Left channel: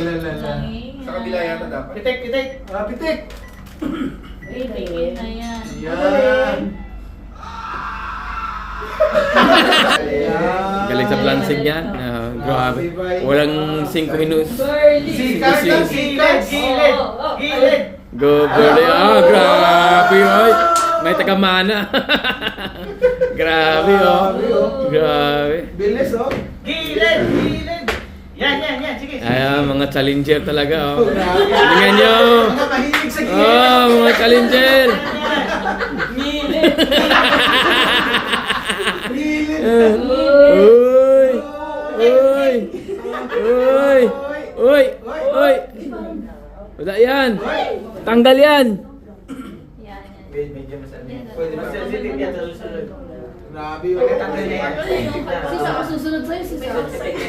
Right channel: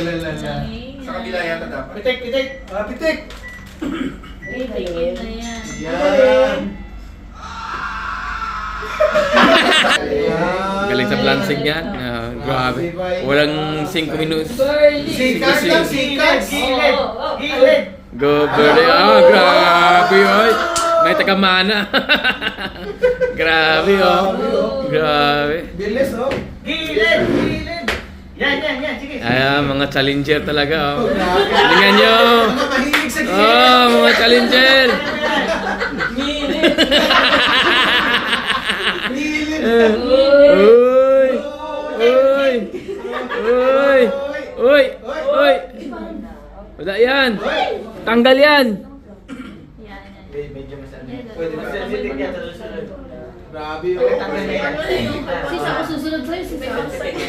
Sa kabila yata dapat. Pitik, pitik. Pitik. Pitik na yan. Yan. Galing sa balancing yan. Grabe. Walang 5 minutos. Sikat lang, sikat. Gilid. Gilid. Go, grabe, oy. May taga-mana. Grabe, oh. Grabe. Bilis, oh. Gilid, gilid. Yan. Sige. Ayan, mga challenger talaga, oh. Tingnan nyo. Mga mahilig sa gilid. Oh, mga challenger. Gilid. Gilid. Uy! Uy! Uy! Uy! Uy! Wala yan! Tanggal yan! Medyo masali. Pwede masali yan sa susunod. Grabe yun. Sisa ko susunod sa'yo, sisa ko sa'yo.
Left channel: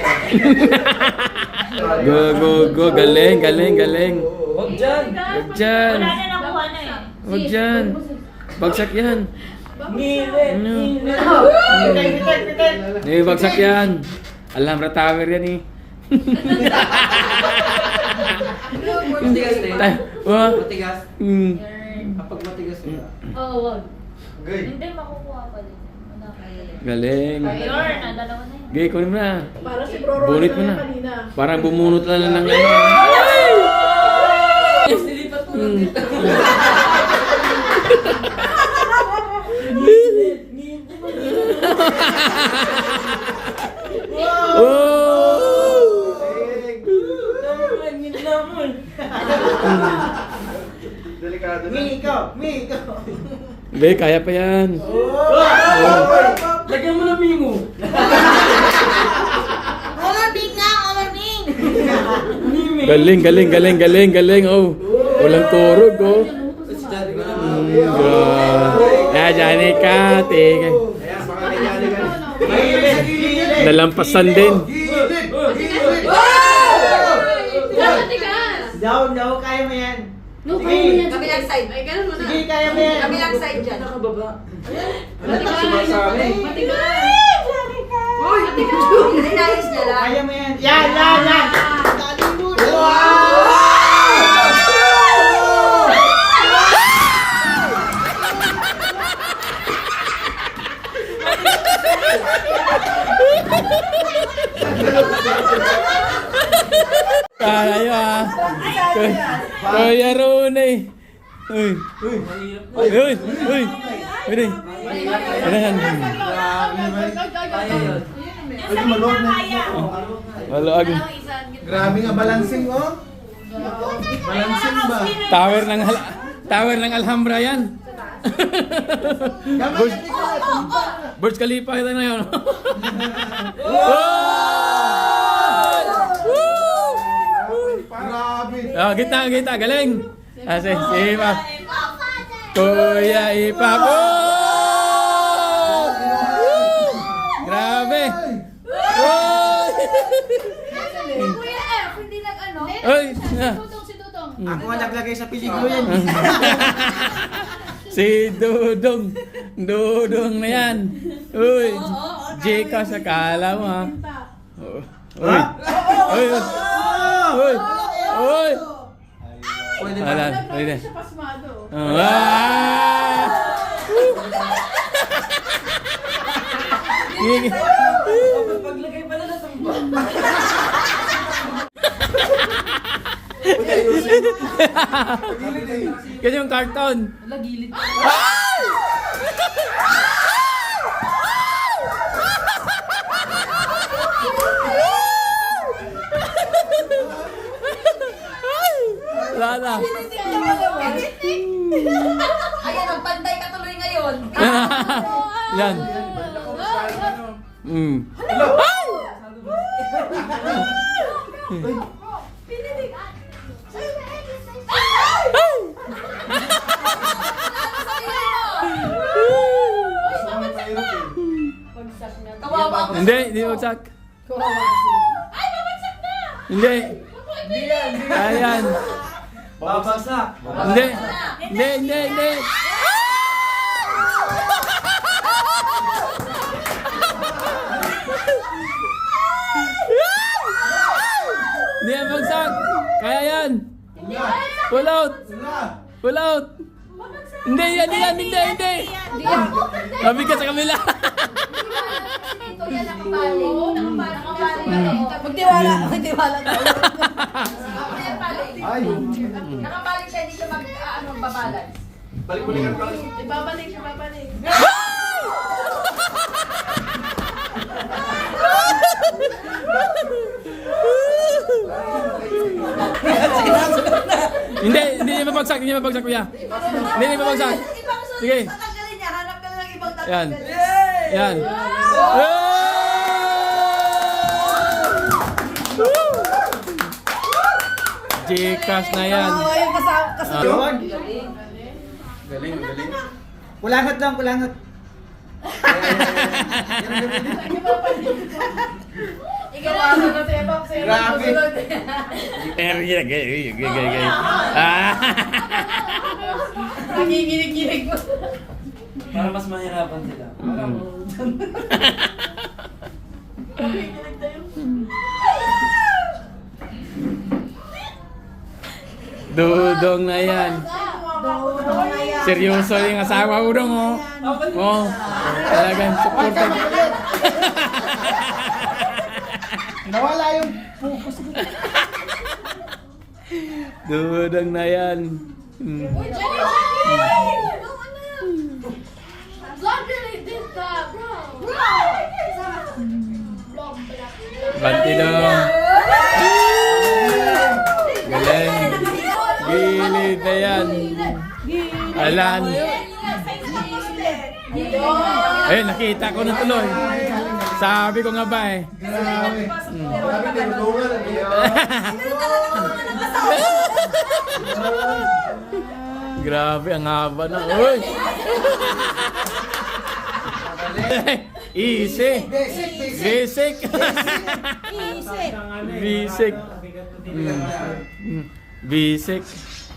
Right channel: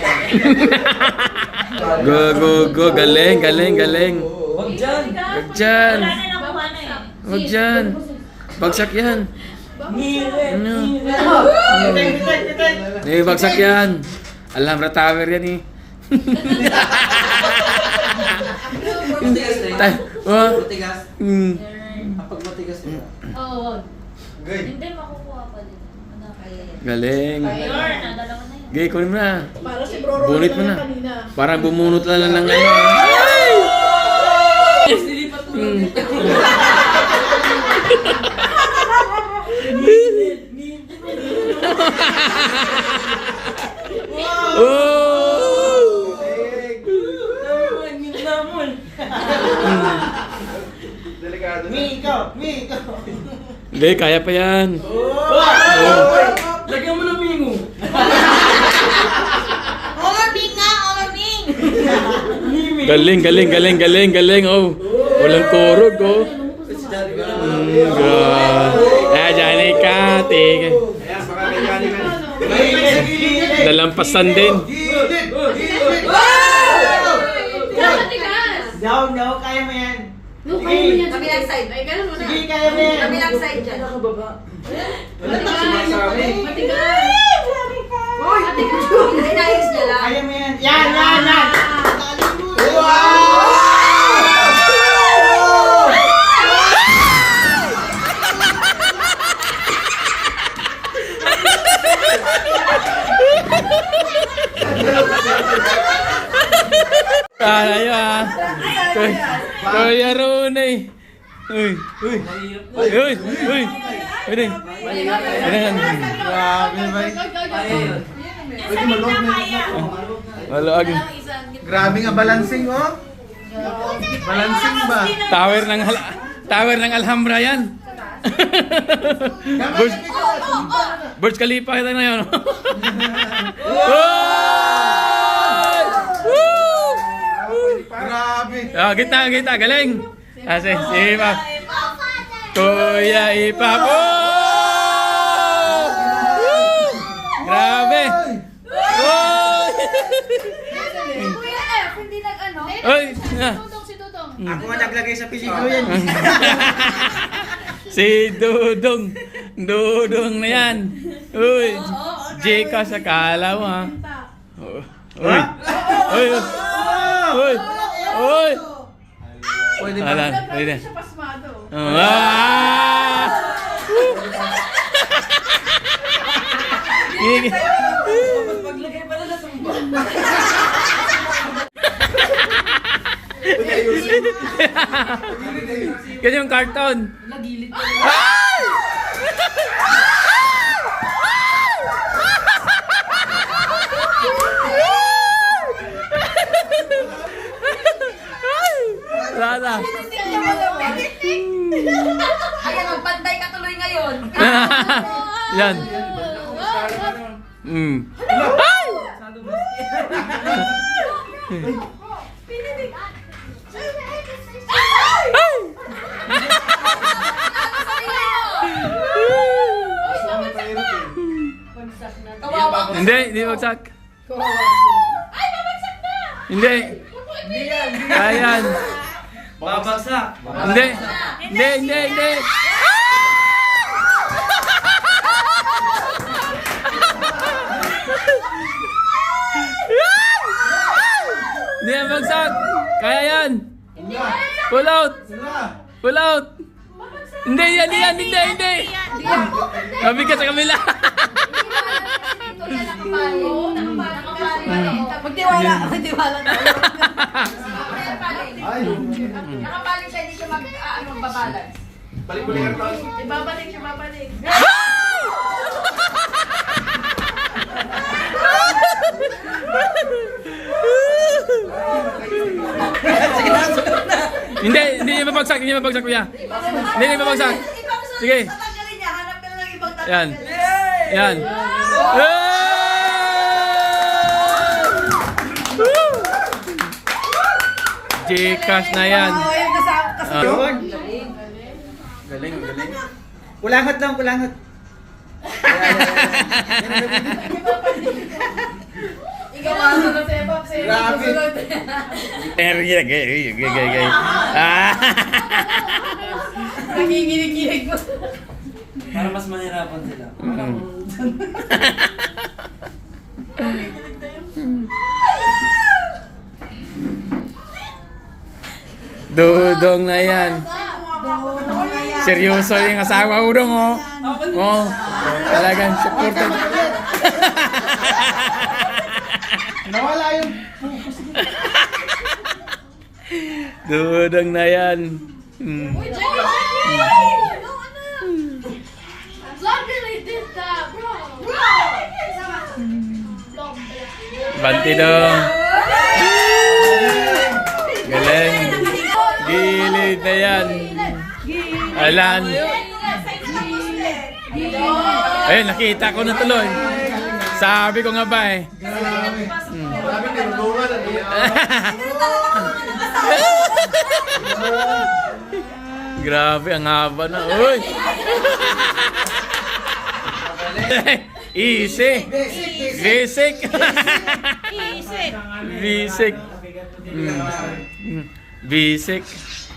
Go! Galing! Huwag dyan. Huwag dyan! Wala na nakuha na eh. Huwag dyan! Bagsak yan! Ano? Pitik. Bagsak yan! Alhambra Tower yan eh! Matigas. Kapag matigas na. Oo, wag. Good. Hindi, makukuha pa din. Galing! Ayun, nadalawa na yan. Gay, kunin mo na! Para si Bro Bunit mo na! Parang bumunot lang ng ano! Oh! Delikado na. Miko. Hindi, kaya pa yan. Lagyan mo ng mingo. Omarbing nga, Omarbing! Galing. Oh, walang kurog, oh. God. Johnny Kati. Ayan, baka nangyari ka. Nalampasan din. Gilid. Down, kaya mo yan. No, kaya mo yan. Kabilang side. Ay, ganun mo na. Sige, kaya mo yan. Kabilang side dyan. Nakababa. Wala na sumasabi. Matigas. Inayos niya lang. Kaya mo yan. Yan. Tayo ah. Kuya Rooney. Uy. Pwede. Grabe, bay. Kaya yun. Pwede maluwag na. Maluag. Grabe nga balancing, oh. Balancing ba? Tower ng Alhambra yan. Burj Khalifa kita na yun. Grabe. Gitna, galing. Si Ipap. Kuya Ipap. Grabe. Kuya F, hindi nag-ano? Oy. Si Tutong. Ako nga naglagay sa piligo yan. Si Dudong na yan. Uy. Jeka sa kala mo ha. Uy. Pwede. Siya pasmado. Paglagay pala na sumba. Ganyan yung cartoon. Lagilid. Wala. Ayan, magpantay ka tuloy ngayon. Yan. Kawawa ko. Hindi bagsak. Hindi. Ayan. Babagsak. Hindi. Hindi yan bagsak. Kaya yan. Pull out. Pull out. Hindi yan, hindi. Mabigat sa kabila. Ito yan, nakapali. Oo, nakapali. Magtiwala tayo. Ay. Nakapali siya, hindi siya magbabalance. Balik-balik ang taas. Ibabalik siya, babalik. Hindi mabagsak, kuya. Hindi mabagsak. Sige. Tatanggalin niya, hanap ka lang ng ibang tatanggalin. Yan. Yan. Gcash na yan. Ah. Galing. Kulangat lang, kulangat. Ikaw ang sunod sa ibang sa'yo. Grabe. Gay. Ah. Nanginginig-ginig mo. Para mas mahirapan sila. Dudong na yan. Seryoso yung asawa ko dong, oh. Oh, talagang supported. Nawala yung focus ko. Dudong na yan. Uy, Jenny! Vlog really did that, bro! Vlog pala. Banti dong. Galing. Gilid na yan. Alan. Eh, nakita ko na tuloy. Sabi ko nga ba eh. Grabe, tinulungan. Grabe, ang haba na. Uy! Easy. Basic. Basic. Basic.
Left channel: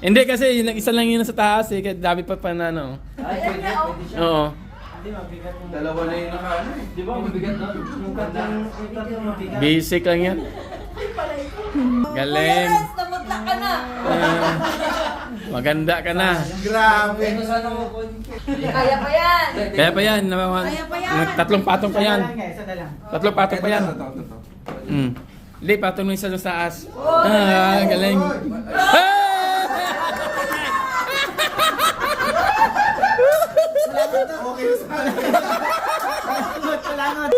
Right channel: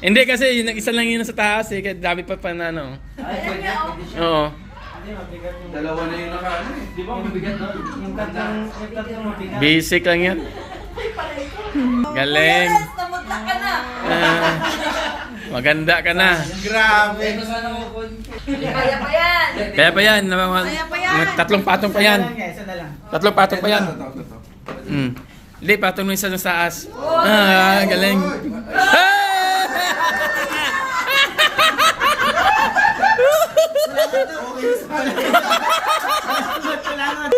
Hindi kasi yung isa lang yun sa taas eh. Kaya dami pa na ano. Oo. Dalawa na yung nakaano eh. Di ba mabigat doon? Yung tatlong mabigat. Basic lang yan. Galing. Yes, namutla ka na. Ah, maganda ka na. Grabe. Kaya pa yan. Kaya pa yan. Tatlong patong pa yan. Isa na lang. Tatlong patong pa yan. Ito. Hindi, patong mo isa sa taas. Ah, galing. Hey! Okay, Kulangat.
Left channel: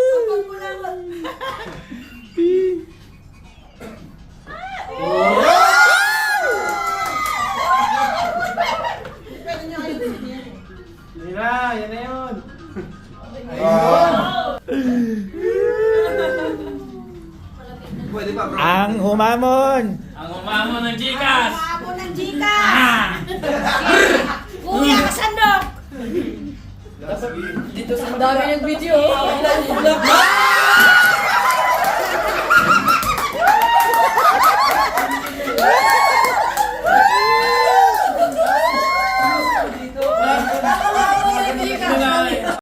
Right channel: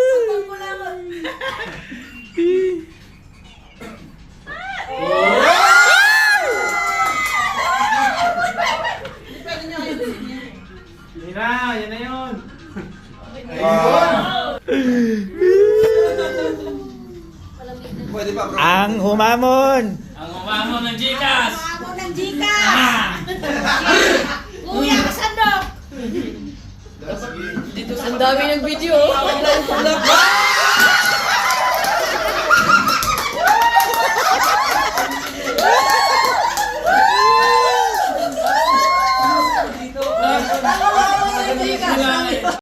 Yan na yun. Pwede pa bro. Ang humamon. Ang umamo ng Gcash! Ako ng Gcash. Kuya, sandok. Ang dami ng video.